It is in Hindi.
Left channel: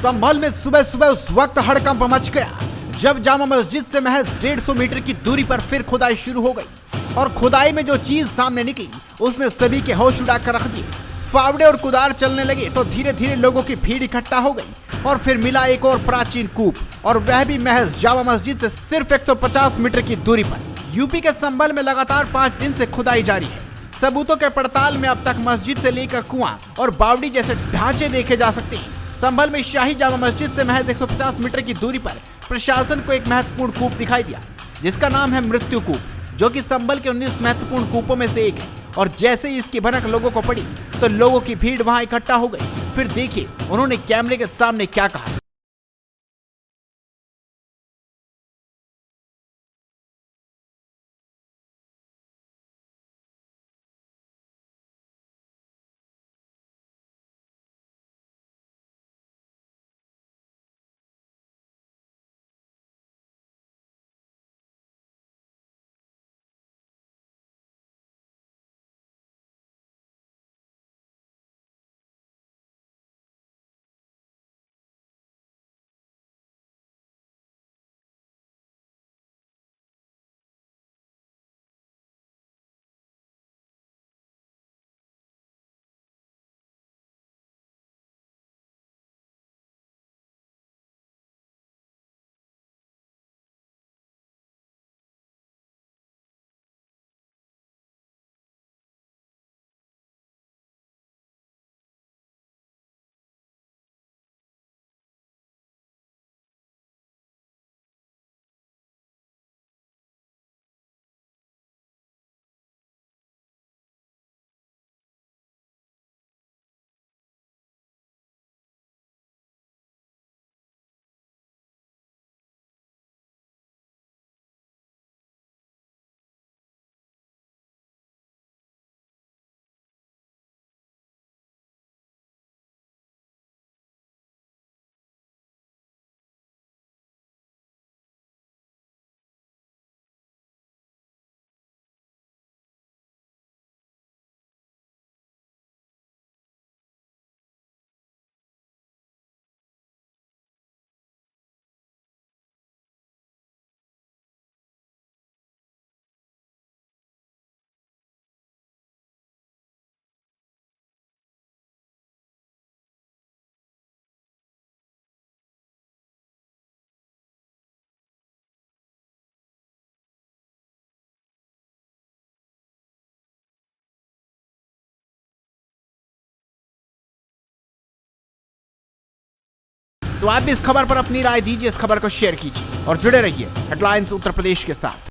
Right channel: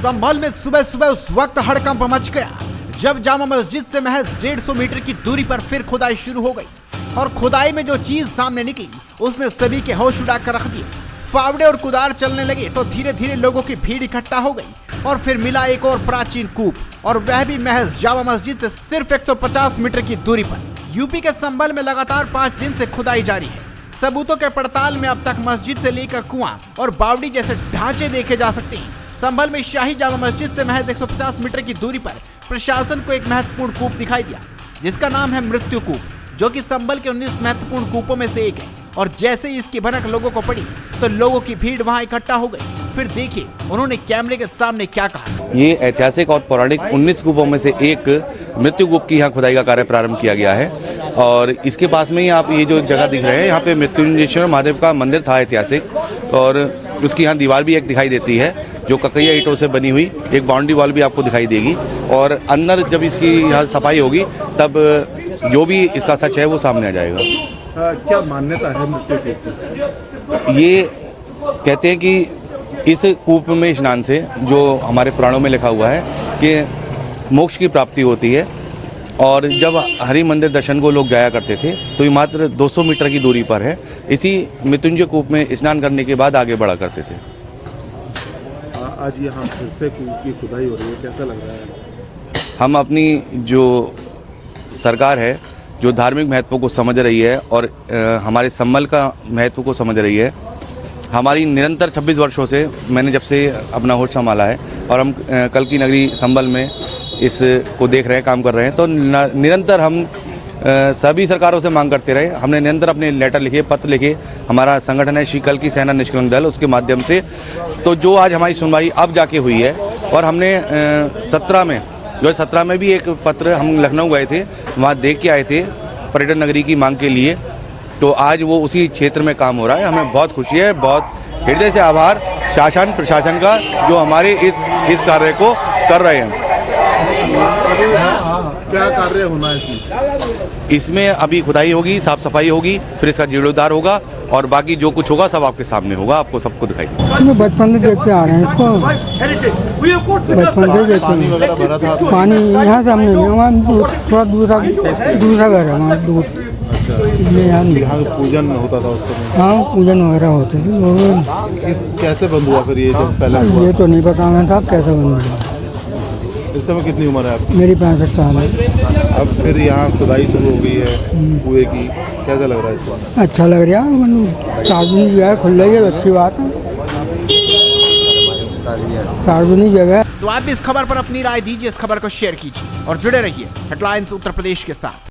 संभल में सुबह सुबह उस वक्त हड़कंप मच गया जब जामा मस्जिद से महज 150 मीटर की दूरी पर फिर खुदाई शुरू हो गई और खुदाई में जो चीज सामने निकली उसने सभी के होश उड़ा कर रख दिए। फावड़े और कुदार चलने लगे तो धीरे धीरे लोगों की भीड़ इकट्ठा हो गई और फिर मिला एक और प्राचीन कूप, और वह भी महज जामा मस्जिद से सिर्फ 150 मीटर की दूरी पर। यूपी के संभल में लगातार 5 दिन से खुदाई जारी है। सबूतों के पड़ताल में अब तक मस्जिद से लेकर कुआं और बावड़ी जैसे ढांचे देखे जा सकते हैं। संभल में शाही जामा मस्जिद से महज 150 मीटर की दूरी पर प्रशासन को एक महत्वपूर्ण कूप दिखाई दिया जिसका नाम है मृत्यु कूप, जो कि संभल के 19 महत्वपूर्ण कूपों में से एक है। और जैसे ही इसकी भनक लोगों को पड़ी तो लोगों की भीड़ वहां इकट्ठा हो गई। फिर देखिए उन्होंने कैमरे के सामने क्या कहा। ये ऐतिहासिक और पौराणिक 19 कूपों में से एक मृत्यु कूप की यहाँ खुदाई का कार्य प्रारंभ किया गया है और इसके पास में ही आप ये जो जगह दिख रहे हैं, यहाँ पे मृत्युंजयेश्वर महादेव का मंदिर था ऐतिहासिक, और उसकी यहाँ दीवार भी एक दिखाई देती है जो ककैया ईंटों से बनी हुई। एक बाउंड्री वॉल भी आपको दिखाई देगी और अंदर जब इसकी यहाँ सफाई होगी तब जो भी इसका सच है वो सामने आ जाएगा। क्या मान्यता है मृत्यु कूप की? ये कहते हैं कि इस कूप में स्नान से, जो हमारे पुराणों में लिखा हुआ है कि मोक्ष की प्राप्ति होती है, और जब हरि मंदिर दर्शन को लोग जाया करते थे तो ये मात्र 200 मीटर की दूरी पर है। इसी मृत्युंजय कूप में स्नान करने के बाद आगे बढ़ा करते थे। आज यहाँ फिर से कूप की खुदाई हो रही है, कैसा लग रहा है? हम अपनी जो सरकार है जो धार्मिक महत्व को समझ रही है और हमारे संभल का महत्व को समझ रही है, हमारी निरंतर 26 वर्षों से, मैंने जब से अपना होश संभाला है और हम कल की नगरी संभल में इस को देख रहे हैं, काम कर रहे हैं, तो निरंतर हम सभी सरकारों से मांग करते रहे। हमने निरंतर अपने लेटर लिखे, पत्र लिखे, हमारा संगठन है श्री कल की सेना निष्कलंक दल, उसके माध्यम से तो जो आज हमारी सुनवाई अब जाके हुई है। और हमने 17 में भी एक पत्र, हम लखनऊ गए थे, वहाँ देख के आए थे पर्यटन नगरी की मांग के लिए, तो आज वो उसी क्षेत्र में काम हो रहा है। हमें बहुत खुशी है, बहुत हृदय से आभार शासन प्रशासन का जो हमारे इस कार्य को कर रहे हैं। क्या कार्य होना है इसमें? अभी खुदाई होगी, साफ सफाई होगी, फिर इसका जीर्णोद्धार होगा और बाकी जो कुछ होगा सब आपके सामने होगा, आपको सबको दिखाई देगा। बचपन से देखते आ रहे हैं इसको, बचपन से देखते हैं। पानी यहाँ सामने थोड़ा दूसरा घर है वहाँ दूर। अच्छा, यहाँ पूजन होता था उस समय? हाँ, पूजन वगैरह होते थे। कैसे बंद हुआ फिर ये जब पहले? ये तो नहीं पता मैं था कैसे बंद हुआ। इस समय कितनी उम्र है आपकी? मेरी 65 साल है। अब फिर यहाँ खुदाई शुरू हो गई है कुएं की, कैसा लग रहा है इस समय? अच्छा लग रहा है, सार्वजनिक जगह खुल रही है तो अच्छी बात है, सार्वजनिक जगह। तो आप भी इस खबर पर अपनी राय दीजिए, इस खबर को शेयर कीजिए और जुड़े रहिए हेडलाइंस उत्तर प्रदेश के साथ।